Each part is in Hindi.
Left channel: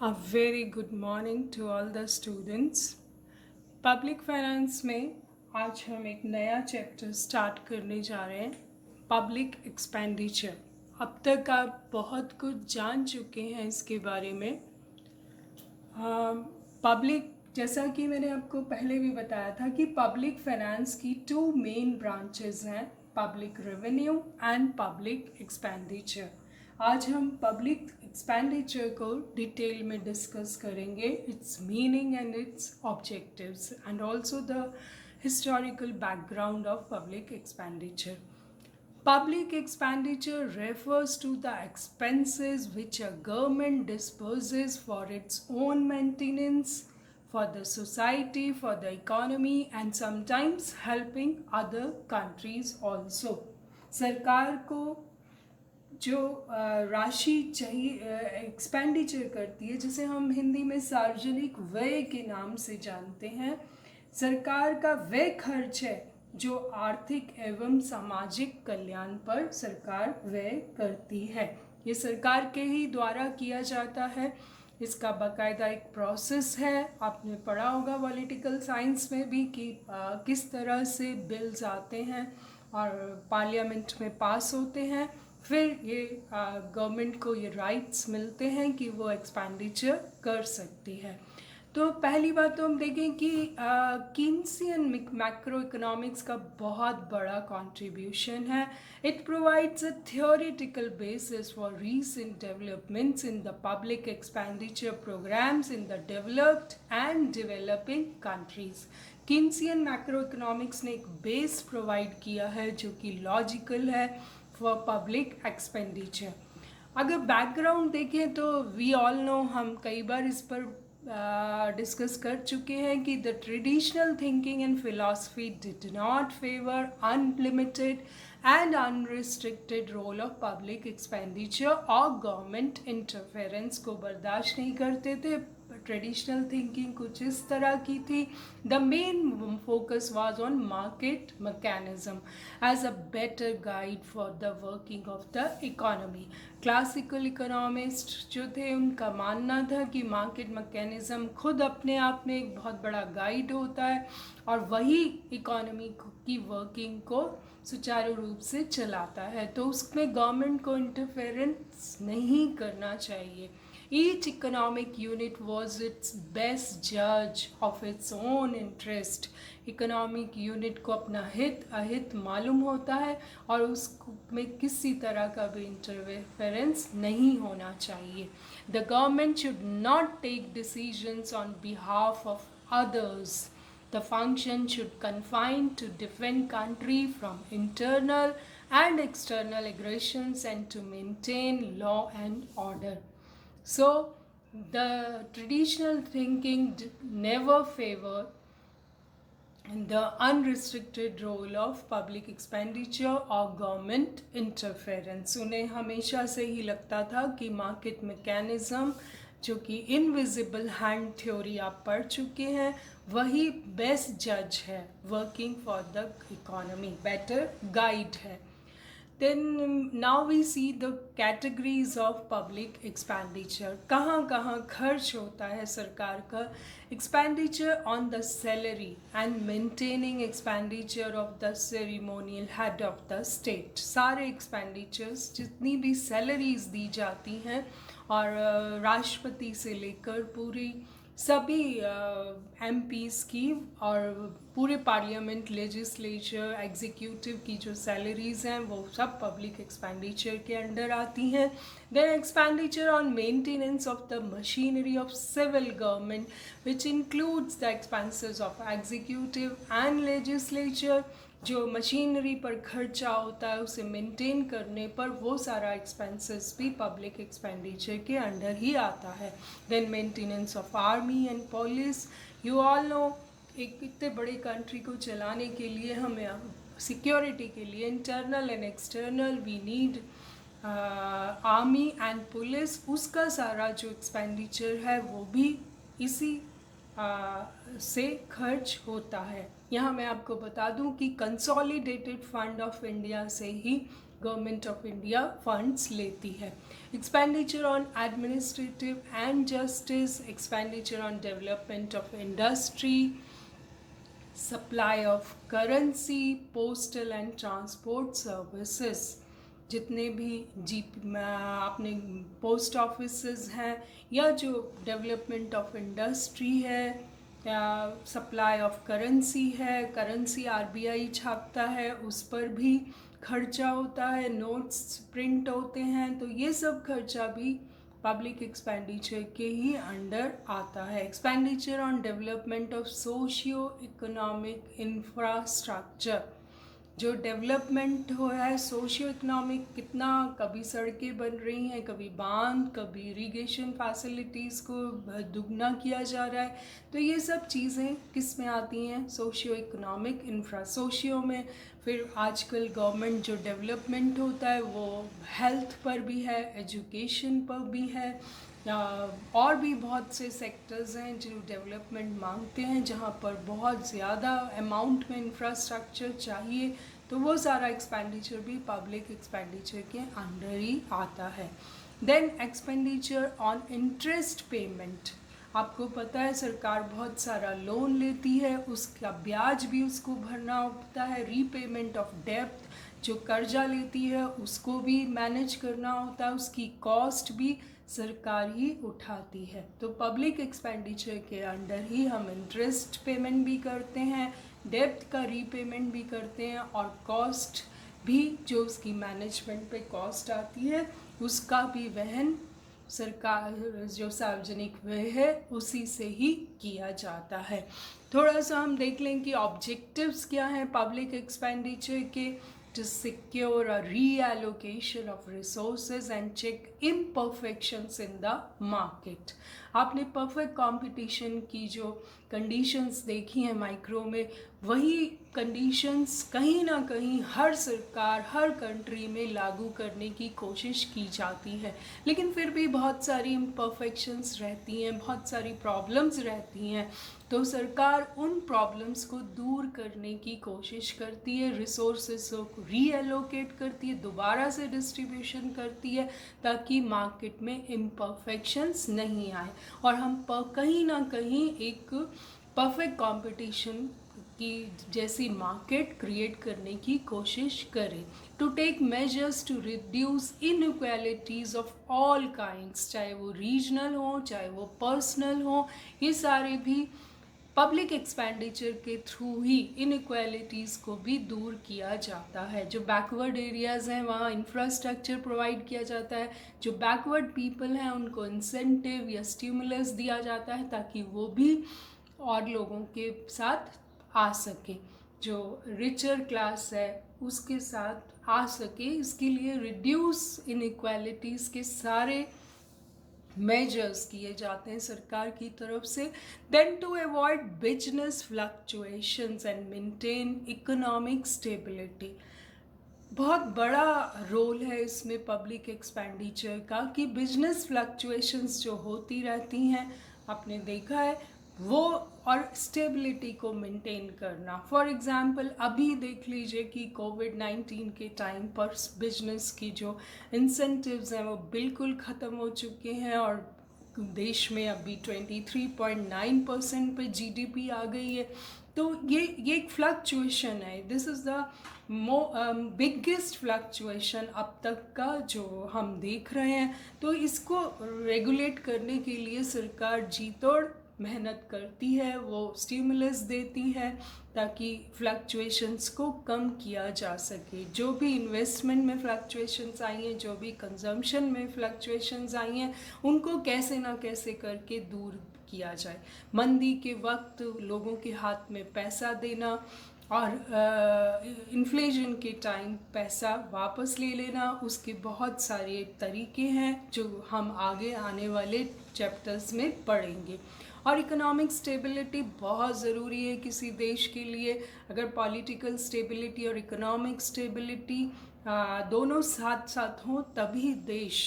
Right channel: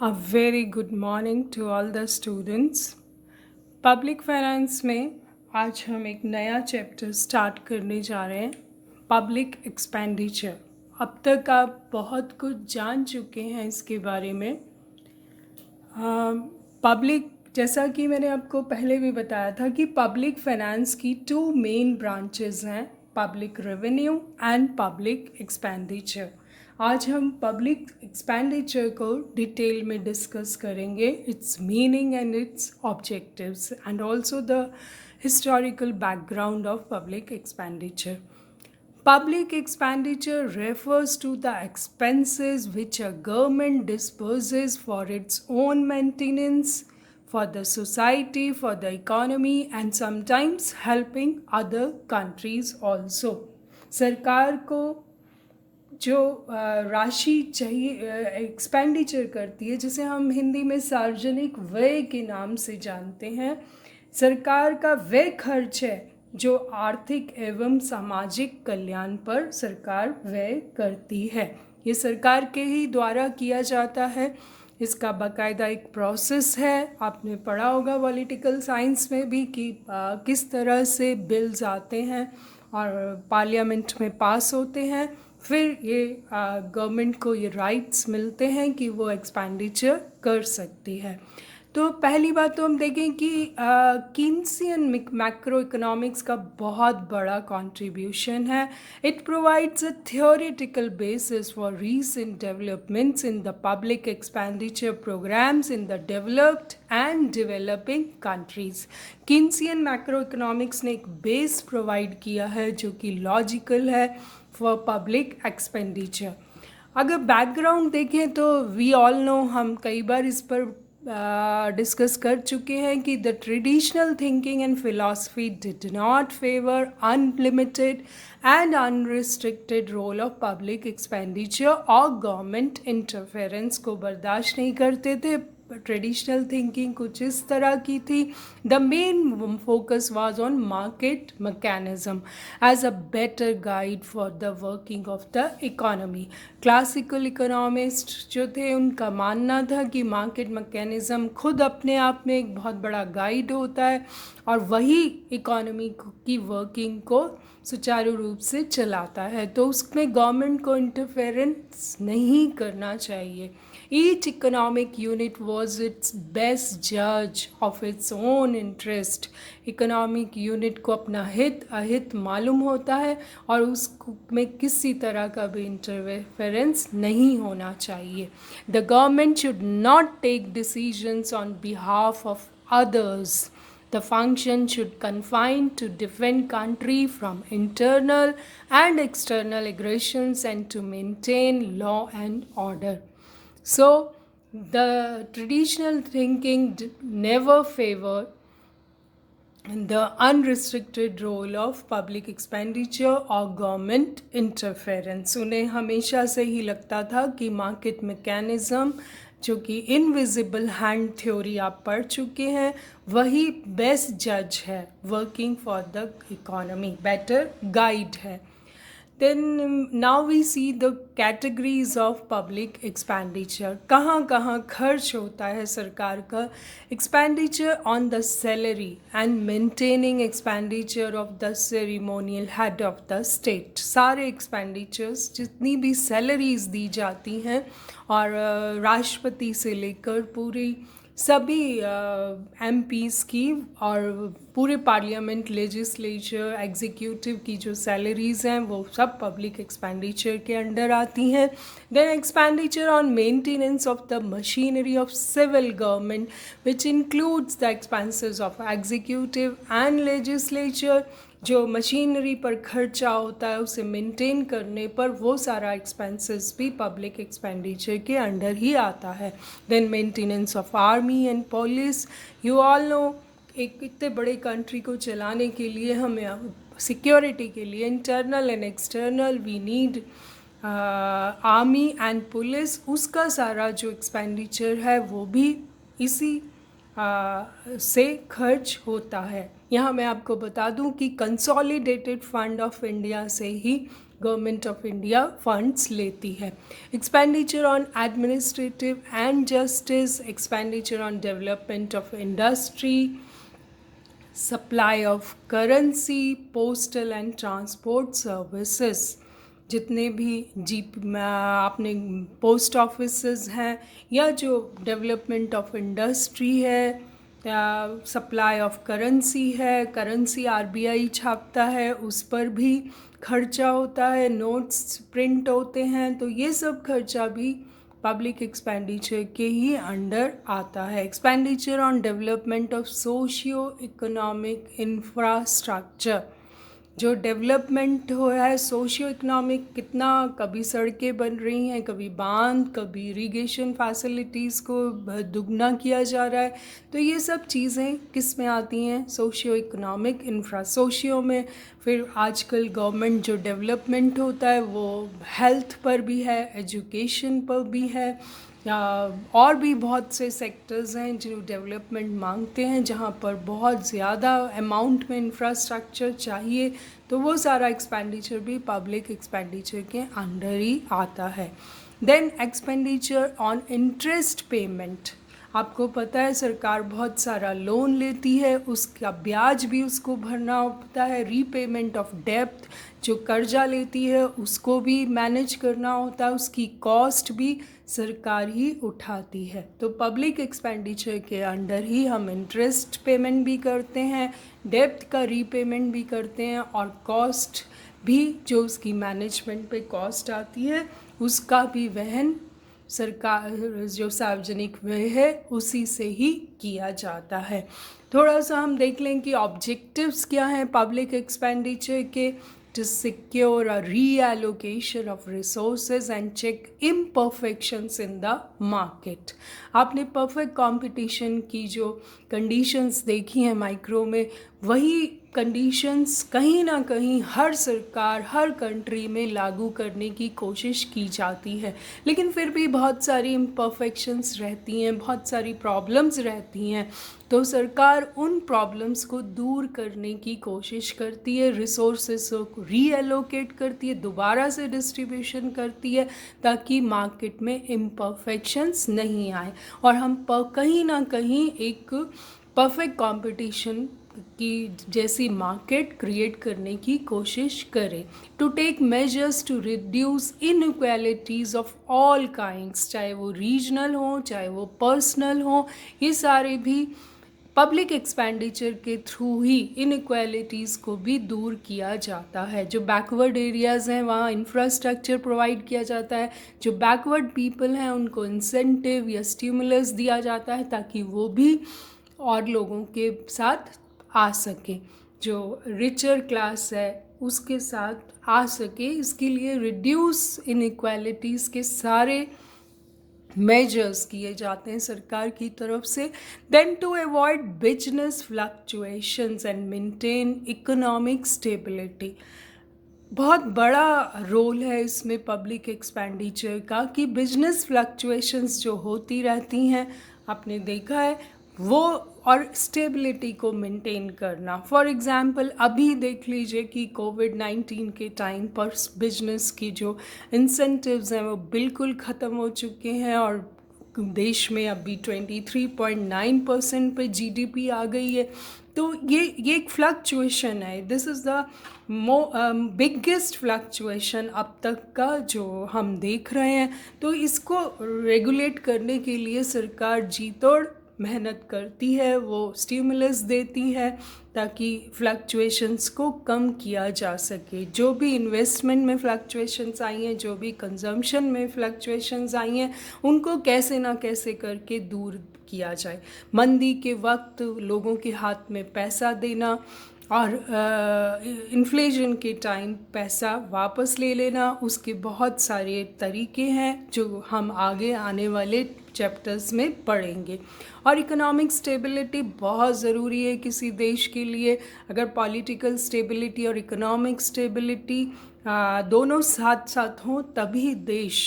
A very good morning to all the students. Public finance में आज हम एक नया चैप्टर स्टार्ट करने जा रहे हैं, पब्लिक एक्सपेंडिचर। अब तक आप बहुत कुछ जान चुके हैं इसके बारे में। पब्लिक, जैसा कि मैंने आपको पहले भी बताया था कि पब्लिक फाइनेंस की टू मेन ब्रांचेस हैं, public revenue and public expenditure. आज हम पब्लिक एक्सपेंडिचर को डिटेल में डिस्कस करेंगे, it's meaning and it's objectives and also the historical background of public expenditure. Public expenditure refers to the expenses which a government disburses for its own maintenance, for the society, for the economy, and sometimes helping other countries also. सरकार को जो राशि चाहिए एक्सपेंडिचर करती है, जिसे हम हिंदी में सार्वजनिक व्यय के नाम से जानते हैं, सरकार का वह खर्च है जो आर्थिक एवं सामाजिक कल्याण पर सरकार व्यय करती है। ये सरकार के ही द्वारा किया जाता है। इसका बाकायदा एक प्रोसेस है। आपने पढ़ा होगा पॉलिटिकल साइंस में भी कि किस तरह से बिल्स आते हैं और पार्लियामेंट में पास होते हैं, फिर ये गवर्नमेंट को ये राइट्स मिलते हैं कि वो एक्सपेंडिचर कर सकती है। तो पहली बात तो हम देखें कि कीन्सियन मैक्रो इकोनॉमिक्स का बहुत बड़ा कंट्रीब्यूशन है। It provides a theoretical basis for recent developments in the public expenditure programs in the developed and developing countries. Keynesian macro economics ने एक बेस प्रोवाइड किया है जो कि लॉजिकल है फॉर पब्लिक एक्सपेंडिचर। अगर बैकग्राउंड देखें तो वी ऑल नो, हम कई बार इस पर डिस्कस कर चुके हैं कि the traditional thinking and philosophy did not favour unlimited and unrestricted role of public expenditure और गवर्नमेंट इंटरफेरेंस को बर्दाश्त नहीं करते थे। ट्रेडिशनल थिंकिंग कुछ इस तरह की थी। The main focus was on market mechanism as a better guide for the working of the economy. Classical economist जो थे, उनका मानना था कि मार्केट मैकेनिज्म खुद अपने आप में एक बहुत बड़ा गाइड होता है और वही इकोनॉमी की वर्किंग को सुचारू रूप से चलाता है, तो उसमें गवर्नमेंट को इंटरफेरेंस नहीं करना चाहिए। Each economic unit was its best judge of its own interest. Economic unit को अपना हित अहित मालूम होता है और उसमें किसी तरह का भी इंटरफेरेंस नहीं होना चाहिए। The government should not take decisions on behalf of others. The function should confine to defend country from internal and external aggressions and to maintain law and order. So the traditional thinking never favored the unrestricted role of public expenditure or government interference. उन्हें हमेशा से ही लगता था कि मार्केट मैकेनिज्म, जो कि इनविजिबल हैंड थ्योरी आप पढ़ चुके हैं, वही बेस्ट जज है working for the economy, better guide है। Then now we see the categories of public expenditure. कहाँ कहाँ खर्च होता है सरकार का। Expenditure on the salary and maintaining expenditure of the ceremonial head of the state. सारे expenditures, जितनी भी salaries दी जाती हैं और राष्ट्रपति से लेकर पूरी सभी एमपीज़ की और पूरे पार्लियामेंट, लेजिस्लेचर, एग्जीक्यूटिव की जो सैलरीज़ हैं वो सब पब्लिक एक्सपेंडिचर के अंडर आती हैं। Then expenditure on maintenance of the machinery of civil government which includes the expenses of executive and legislature. जो मशीनरी पर खर्चा होता है उसे मेंटेन करने पर, वो सारा एक्सपेंसेस भी पब्लिक एक्सपेंडिचर के अंडर ही आता है। Then maintenance of army and police. You all know, एक इतने बड़े कंट्री को चलाने के लिए हमें सिक्योरिटी के लिए internal and external we need army and police. उसका सारा जो एक्सपेंडिचर है वो भी इसी से खर्च होता है। यहाँ मैं आपको बता दूं कि कंसोलिडेटेड फंड ऑफ इंडिया से ही गवर्नमेंट ऑफ इंडिया फंड्स लेती है। Expenditure on administrative and justice, expenditure on development of industry, supply of currency, postal and transport services, जितने भी आपने पोस्ट ऑफिसेज हैं या जो डेवलपमेंट ऑफ इंडस्ट्री है या सप्लाई ऑफ करेंसी है, करेंसी आरबीआई छापता है, उस पर भी खर्चा होता है, नोट्स प्रिंट होते हैं, तो ये सब खर्चा भी पब्लिक एक्सपेंडिचर के ही अंडर आता है। Expenditure on development of socio economic infrastructure, जो डेवलपमेंट हो है सोशियो इकोनॉमिक, कितना कभी सड़कें बन रही हैं, कभी बांध, कभी इरिगेशन फैसिलिटीज़ को दुगना किया जा रहा है, तो ये सब चीज़ें किस में आती हैं? Socio economic infra. सोशियो में फिर आजकल गवर्नमेंट जो डेवलपमेंट होता है वो हेल्थ पर भी है, एजुकेशन पर भी है, या और भी बहुत से सेक्टर्स हैं जो डेवलपमेंट मांगते हैं, जहाँ पर बहुत ज़्यादा अमाउंट में इंफ्रास्ट्रक्चर चाहिए, तो वो सारा एक्सपेंडिचर भी पब्लिक एक्सपेंडिचर के अंडर ही आता है। Then expenditure on interest payment, आपको पता है सरकार बहुत सारा लोन लेती है, उसका ब्याज भी उसको भरना होता है, रीपेमेंट ऑफ डेब्ट, जो कर्जा लेती है उसको भी मैनेज करना होता है, उसकी कॉस्ट भी सरकार ही उठाती है। तो पब्लिक एक्सपेंडिचर के अंडर ही हम इंटरेस्ट पेमेंट भी करते हैं, डेब्ट का रीपेमेंट भी करते हैं, और कॉस्ट भी जो उसकी मैनेजमेंट पे कॉस्ट आती है उसका भी वहन सरकार, जो सार्वजनिक व्यय है उसी से ही किया जाता है। थोड़ा सा हम देख लें कि ऑब्जेक्टिव्स क्या हैं पब्लिक एक्सपेंडिचर के। to secure a reallocation of resources and check imperfections in the market। आपने परफेक्ट कंपटीशन की जो कंडीशंस देखी हैं माइक्रो में, वही कंडीशंस कहीं ना कहीं हर सरकार, हर कंट्री में लागू करने की कोशिश की जाती है, लेकिन फिर भी बहुत सारी इम्परफेक्शंस रहती हैं, बहुत सारी प्रॉब्लम्स रहती हैं, तो सरकार उन प्रॉब्लम्स को दूर करने की कोशिश करती है, रिसोर्सेस को रीएलोकेट करती है, दोबारा से डिस्ट्रीब्यूशन करती है, ताकि मार्केट में इम्परफेक्शंस नहीं आए और हम कहीं ना कहीं एक परफेक्ट कंपटीशन की जैसी मार्केट क्रिएट करने की कोशिश करें। To take measures to reduce inequalities of all kinds, चाहे वो रीजनल हो, चाहे वो पर्सनल हो, ये सारे भी पब्लिक एक्सपेंडिचर के थ्रू ही इनइक्वालिटीज़ को भी दूर किया जाता है। जो बैकवर्ड एरियाज़ हैं वहाँ इंफ्रास्ट्रक्चर प्रोवाइड किया जाता है, जो बैकवर्ड पीपल हैं उनको इंसेंटिव या स्टिमुलस दिया जाता है ताकि वो भी और लोगों के साथ आ सके, जो रिचर क्लास है उसके साथ आ सके। इसके लिए रिड्यूस इनइक्वालिटीज़ के सारे मेजर्स किए जाते हैं सरकार की तरफ से। Then to avoid business fluctuations and maintain economic stability, बहुत बड़ा रोल है इसमें पब्लिक एक्सपेंडिचर का कि बिजनेस फ्लक्चुएशंस जो होती रहती हैं, आपने देखा है वो, और स्टेबिलिटी को मेंटेन करना। फॉर एग्ज़ाम्पल अभी देख लीजिए कि कोविड-19 के टाइम पर बिजनेस की जो इंसेंटिव्स हैं वो बिल्कुल ख़त्म हो चुके हैं और देश में अभी 23.9% पे जीडीपी आ गई है। तो ये एक फ्लक्चुएशन है, this is the biggest fluctuation अब तक का जो हम देख रहे हैं। तो इसको रेगुलेट करने के लिए सरकार जी तोड़ मेहनत करती है, वो स्टिमुलस देती है ताकि फ्लक्चुएशंस को कम किया जा सके। जो भी इन्वेस्टमेंट में फ्लक्चुएशंस आई हैं, जो भी कंजम्पशन में फ्लक्चुएशंस आई हैं, उनको कैसे ना कैसे करके दूर किया जाए। मंदी के वक्त लोगों के हाथ में पैसा देना और इन्फ्लेशन के टाइम पैसा वापस ले लेना, उसके बहुत सारे तरीके हैं जो हम आगे आने वाले चैप्टर्स में पढ़ेंगे। और इकोनॉमिक स्टेबिलिटी बहुत ज़रूरी है किसी देश के लिए। अगर पॉलिटिकल स्टेबिलिटी और इकोनॉमिक स्टेबिलिटी दोनों साथ साथ हों तभी देश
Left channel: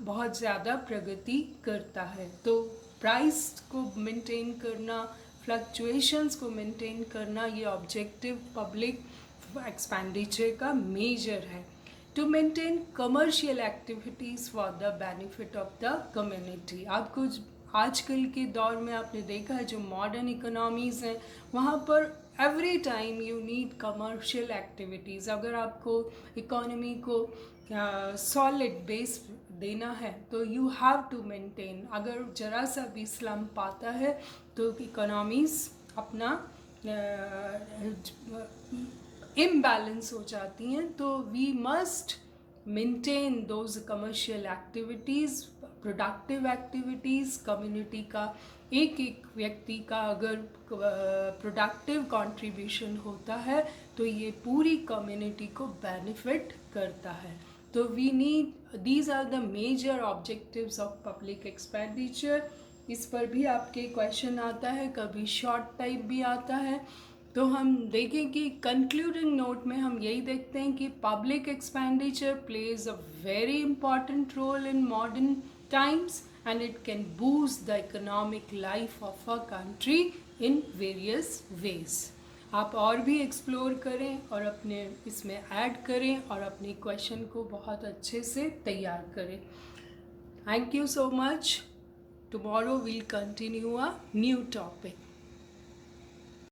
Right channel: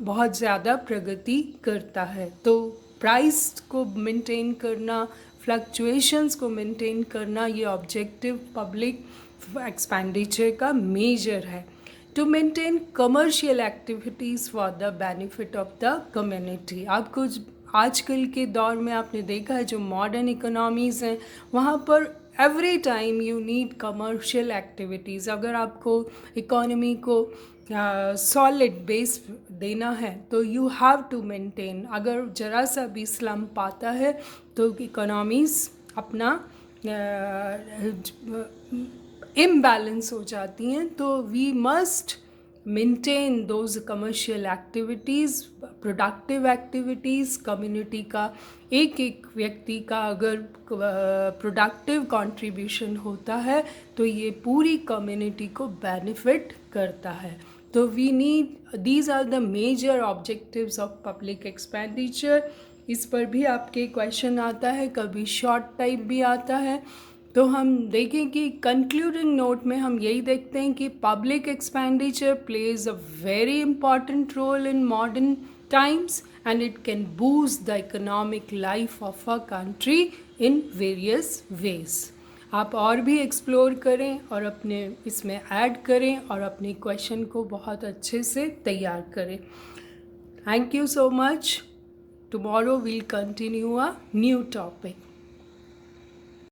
बहुत ज़्यादा प्रगति करता है। तो प्राइस को मेंटेन करना, फ्लक्चुएशंस को मेंटेन करना, ये ऑब्जेक्टिव पब्लिक एक्सपेंडिचर का मेजर है। to maintain commercial activities for the benefit of the community. आपको आजकल के दौर में आपने देखा है जो मॉडर्न इकोनॉमीज़ हैं वहाँ पर every time you need commercial activities. अगर आपको इकोनॉमी को सॉलिड बेस देना है तो यू हैव टू मेंटेन. अगर ज़रा सा भी स्लम्प आता है तो इकोनॉमीज़ अपना इम्बैलेंस हो जाती हैं. तो we must maintain those commercial activities, productive activities. Community का एक एक व्यक्ति का अगर प्रोडक्टिव कंट्रीब्यूशन होता है तो ये पूरी कम्युनिटी को बेनिफिट करता है. तो we need, these are the major objectives of public expenditure. इस पर भी आपके क्वेश्चन आता है, कभी शॉर्ट टाइप भी आता है. तो हम देखें कि कंक्लूडिंग नोट में हम यही देखते हैं कि public expenditure plays a very important role in modern times and it can boost the economic life of a country in various ways. आप और भी एक्सप्लोर करें और अपने इसमें ऐड करें और अपने क्वेश्चन को बहुत अच्छे से तैयार करें. Thank you so much. Tomorrow we'll continue a new topic.